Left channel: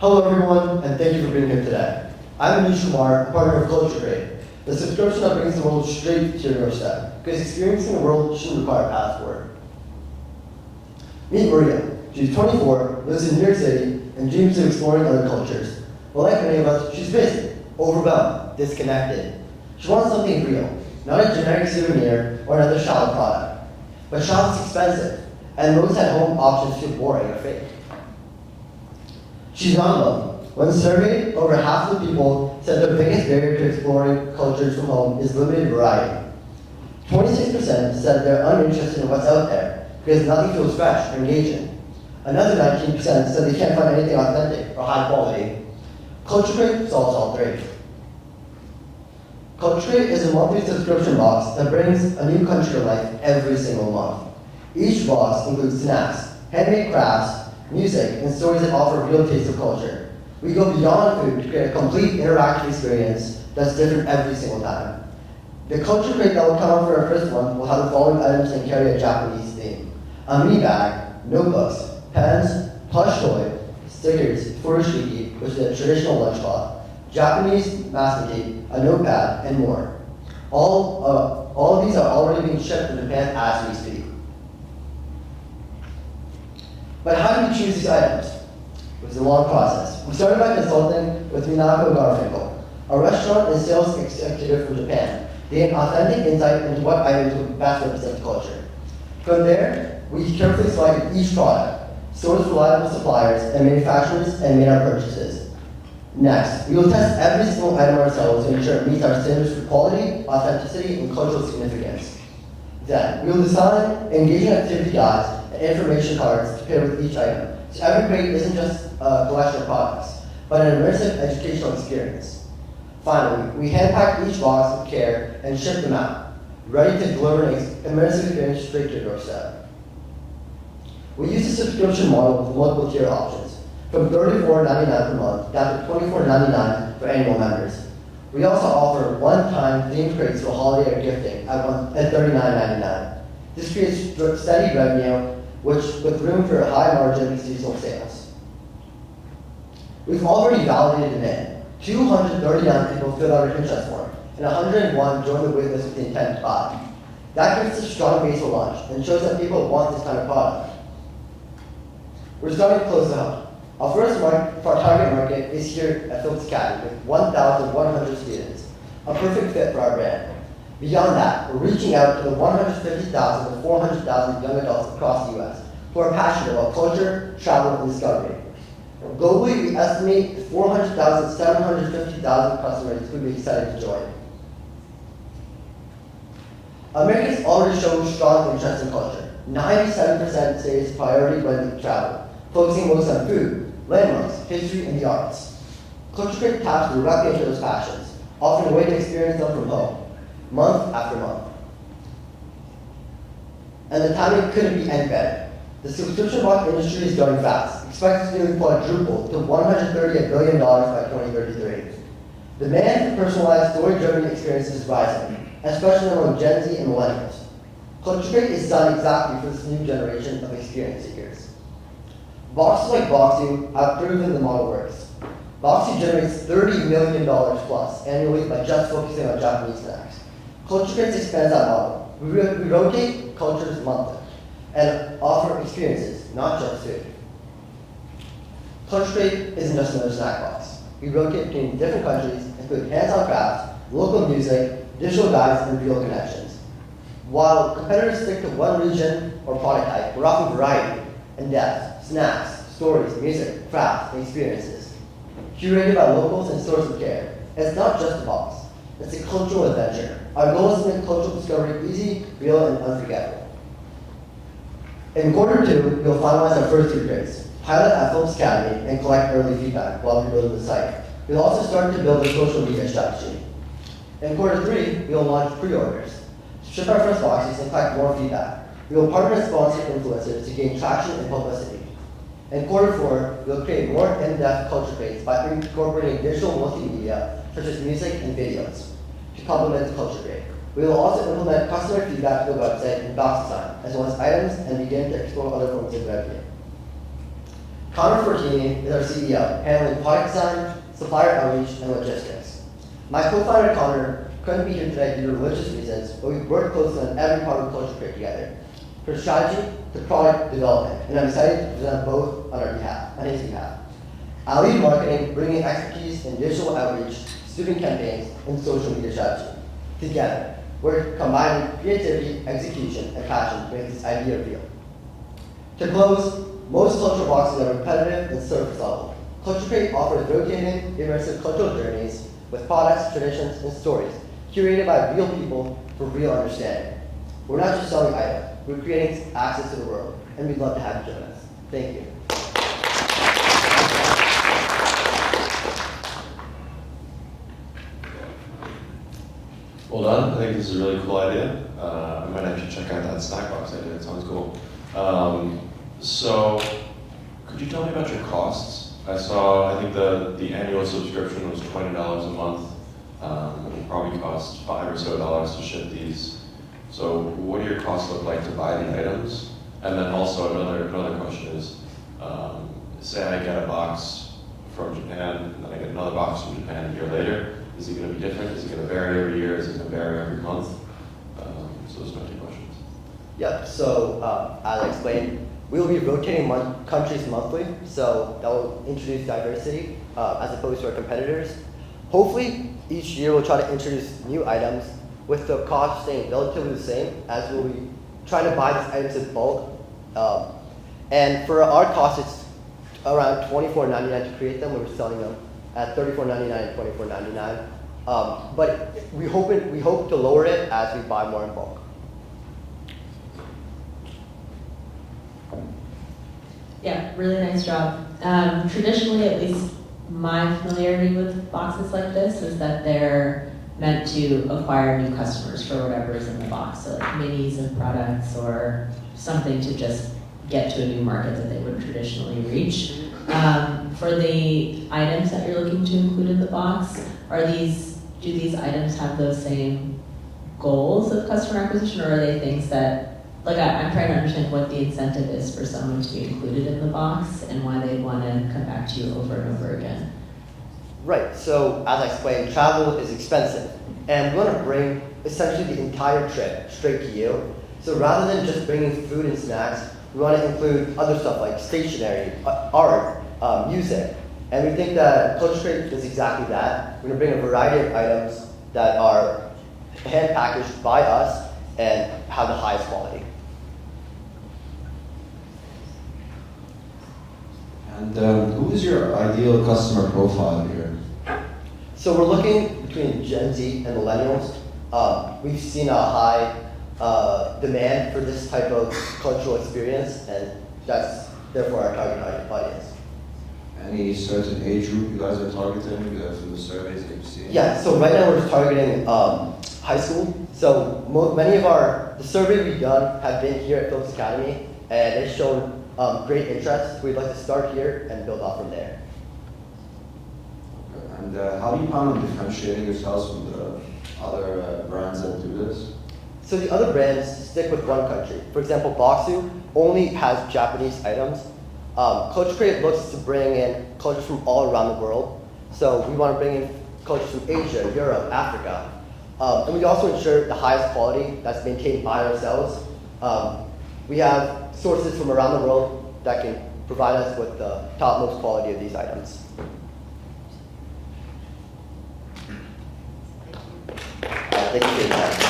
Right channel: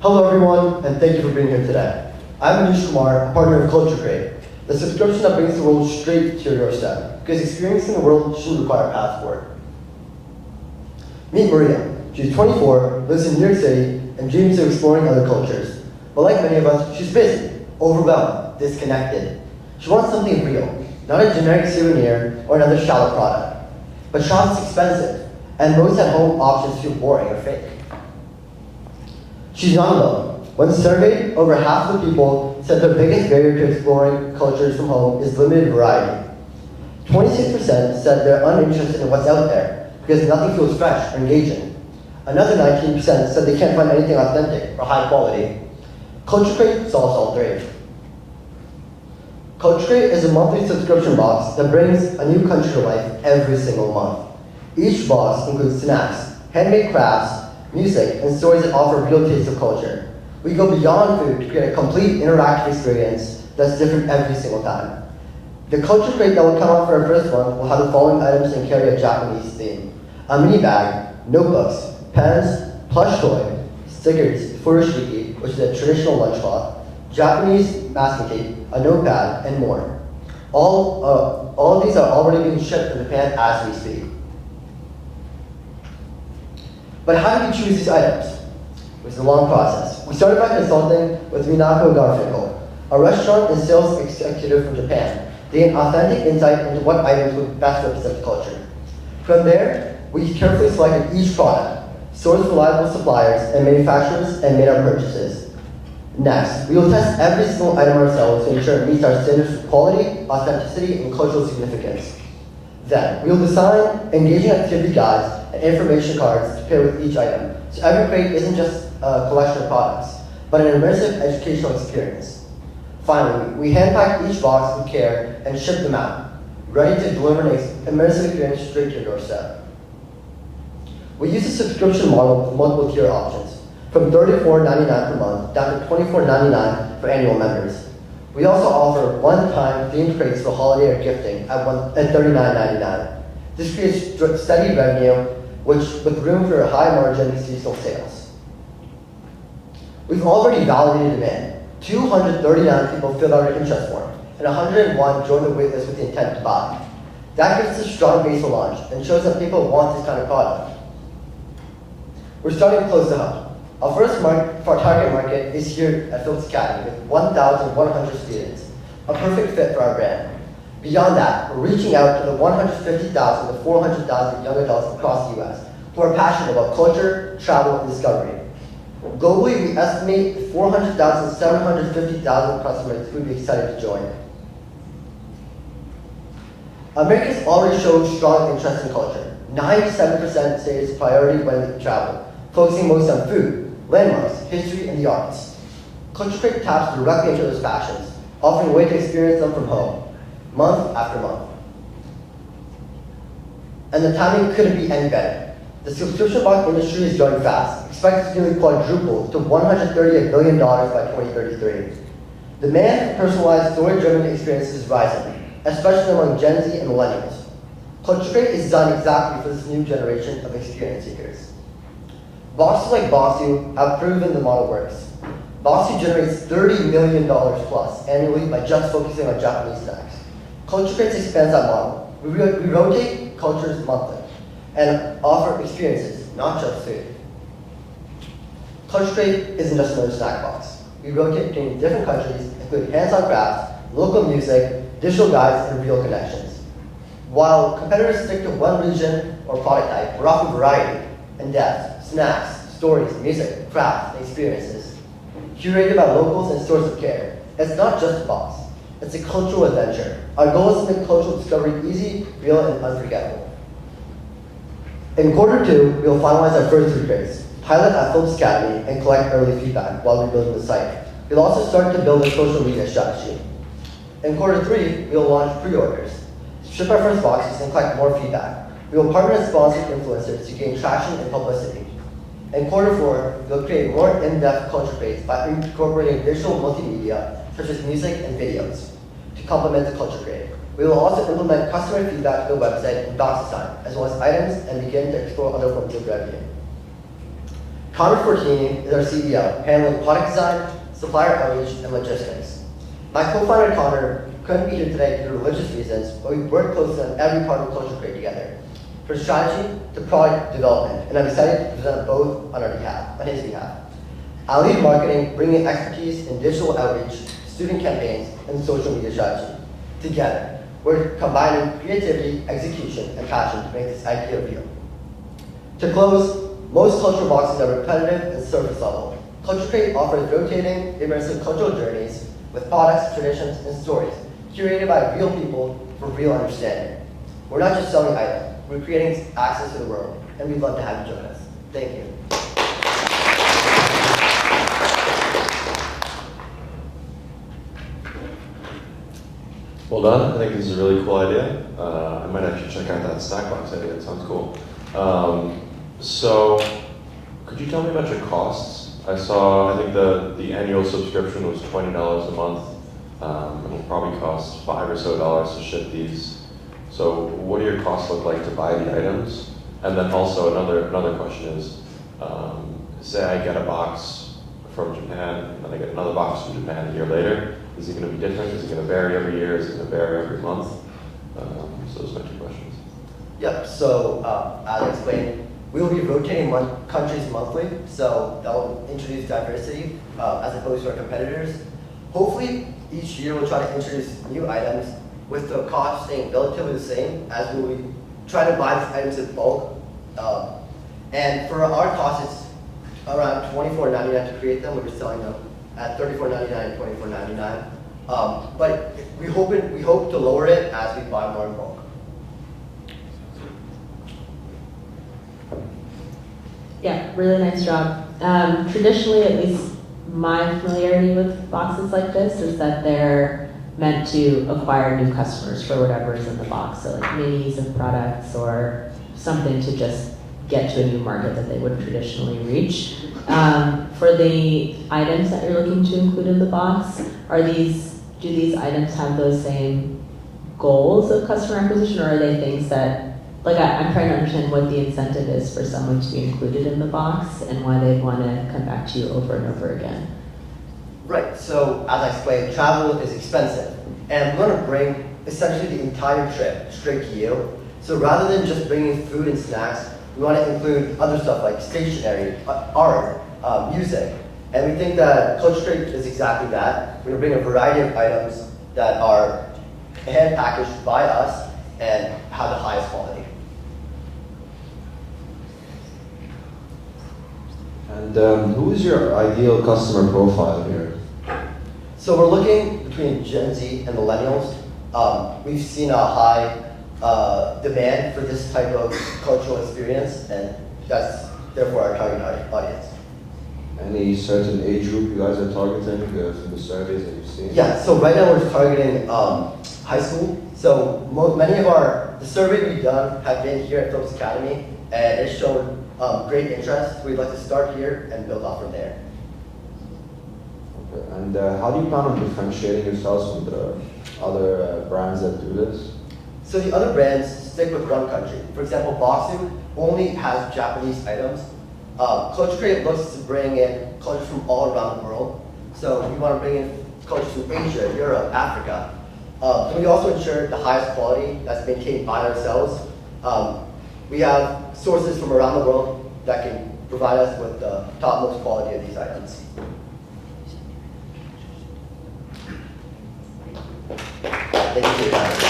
Hello everyone, and thank you for being here today. I'm Anish, Kumar, a partner of Culture, the subscription that brings the world straight to your doorstep, because experiencing the world shouldn't require a passport. Meet Maria. She's 24, lives in New York City, and dreams of exploring other cultures. But like many of us, she's busy, overwhelmed, disconnected. She wants something real, not a generic souvenir or another shallow product. But shopping's expensive, and most at-home options feel boring or fake. She's not alone. When surveyed, over half the people said their biggest barrier to exploring cultures from home is limited variety. 26% said they're uninterested in what's out there because nothing feels fresh or engaging. Another 19% said they can't find anything authentic or high quality. Culture solves all three. Culture is a monthly subscription box that brings a new country to life every single month. Each box includes snacks, handmade crafts, music, and stories that offer a real taste of culture. We go beyond food to create a complete interactive experience that's different every single time. The culture crate that will come out for our first one will have the following items and carry a Japanese theme: a mini bag, notebooks, pens, plush toy, stickers, furoshiki, which is a traditional lunchcloth, Japanese masking tape, a notepad, and more. All of these are already being shipped from Japan as we speak. But how do we choose these items? It was a long process. We started by consulting with Minako Garfinkel, a restaurant and sales executive from Japan, to gain authentic insight into what items would best represent culture. From there, we carefully selected each product, sourced reliable suppliers and manufacturers, and made our purchases. Next, we will test every single item ourselves to ensure it meets our standards for quality, authenticity, and cultural significance. Then, we will design engaging activity guides and information cards to pair with each item, so every crate isn't just a collection of products, but an immersive educational experience. Finally, we hand-pack each box with care and ship them out, ready to deliver an immersive experience straight to your doorstep. We use a subscription model with multiple tier options, from $34.99 per month down to $24.99 for annual members. We also offer one-time themed crates for holiday or gifting at $39.99. This creates steady revenue, with room for high margin seasonal sales. We've already validated demand. 239 people filled out our interest form, and 101 joined the waitlist with the intent to buy. That gives us a strong base for launch and shows that people want this kind of product. We're starting close to home. Our first target market is here at Phillips Academy with 1,100 students, a perfect fit for our brand. Beyond that, we're reaching out to the 150,000 to 400,000 young adults across the U.S. who are passionate about culture, travel, and discovery. Globally, we estimate 400,000 to 750,000 customers who would be excited to join. Americans already show strong interest in culture. 97% say it's a priority when they travel, focusing most on food, landmarks, history, and the arts. Culture taps directly into those passions, offering a way to experience them from home, month after month. And the timing couldn't be any better. The subscription box industry is growing fast, expected to nearly quadruple to $138 billion by 2033. Demand for personalized, story-driven experiences is rising, especially among Gen Z and millennials. Culture is designed exactly for this new generation of experience seekers. Boxes like Boxu have proven the model works. Boxu generates $30 million plus annually by just focusing on Japanese snacks. Culture expands that model. We rotate cultures monthly and offer experiences, not just food. Culture isn't just another snack box. We rotate between different countries, including hands-on crafts, local music, digital guides, and real connections. While competitors stick to one region or product type, we're offering variety and depth, snacks, stories, music, crafts, and experiences. Curated by locals and stores of care. It's not just a box. It's a cultural adventure. Our goal is to make cultural discovery easy, real, and unforgettable. In quarter two, we will finalize our first 3 crates, pilot at Phillips Academy, and collect early feedback while rebuilding the site. We'll also start to build a social media strategy. In quarter three, we will launch pre-orders, ship our first boxes, and collect more feedback. We will partner with sponsored influencers to gain traction and publicity. In quarter four, we will create more in-depth culture crates by incorporating digital multimedia, such as music and videos, to complement the culture crate. We will also implement customer feedback to the website and box design, as well as items, and begin to explore other forms of revenue. Konnor Fortini is our CEO, handling product design, supplier outreach, and logistics. My co-founder Konnor couldn't be here today due to religious reasons, but we've worked closely on every part of Culture Crate together, from strategy to product development, and I'm excited to present both on his behalf. I'll lead marketing, bringing expertise in digital outreach, student campaigns, and social media strategy. Together, we're combining creativity, execution, and passion to make this idea real. To close, most cultural boxes are repetitive and surface level. Culture Crate offers rotating, immersive cultural journeys with products, traditions, and stories, curated by real people for real understanding. We're not just selling items, we're creating access to the world, and we'd love to have you join us. Thank you. Well done. I think this is a really cool idea. I might actually check out that snack box. I think that sounds cool. So, could you tell me about your costs? I think the annual subscription was $20 a month. It will probably cost $5 or so to ship these. So, what do your costs look like to buy the items? And then also another question is, say I get a box from Japan, and then I get another box from Japan a year later. Is it going to be different? Is it going to vary every year? Is it going to vary every month? So those are my two questions. Yep, so I'll explain. We will be rotating countries monthly, so that will introduce diversity as opposed to our competitors. Hopefully, each year we'll try to introduce new items with the cost staying relatively the same as we'll be trying to buy these items in bulk. And for our cost, it's around $24.99 to create them. We're selling them at $34.99 and $24.99. But we hope to lower it as we buy more in bulk. Yeah, really nice job. Traditionally, at least my familiarity with boxes like this is that they're meant to acquire new customers for whatever is in the box. So like minis of products or something to just get to a new market that they wouldn't traditionally reach. For the items that you're looking to include in the box, do these items have those same goals of customer acquisition, or are they things that, like I'm trying to understand what the incentive is for someone to be included in the box and why they'd want to come back to you over and over again? Right, so as I explained, travel is expensive, and we want to bring essentially the entire trip straight to you. So rather than just bringing food and snacks, we want to include other stuff like stationery, art, music, and we think that Culture Crate is exactly that. We're going to bring a variety of items that are hand packaged by us and have the highest quality. And who is your ideal customer profile here? So we're looking between Gen Z and millennials. We've seen a high demand for this type of cultural experience, and that's therefore our target audience. Any certain age group you guys are targeting from the surveys that you've seen? Yeah, so right now we're targeting high school. So many of the survey we've done have been here at Phillips Academy, and it's shown great interest. We'd like to start here and build off from there. Okay. And how do you plan on differentiating yourselves from the other brands that do this? So the other brands stick with one country. For example, Boxu only has Japanese items. Culture Crate looks to bring in cultures from all around the world. So we want to bring in cultures from Asia, Europe, Africa. And we also ensure the highest quality that's maintained by ourselves. We have sources from around the world that can provide us with the topmost quality of these items. Thank you for your time.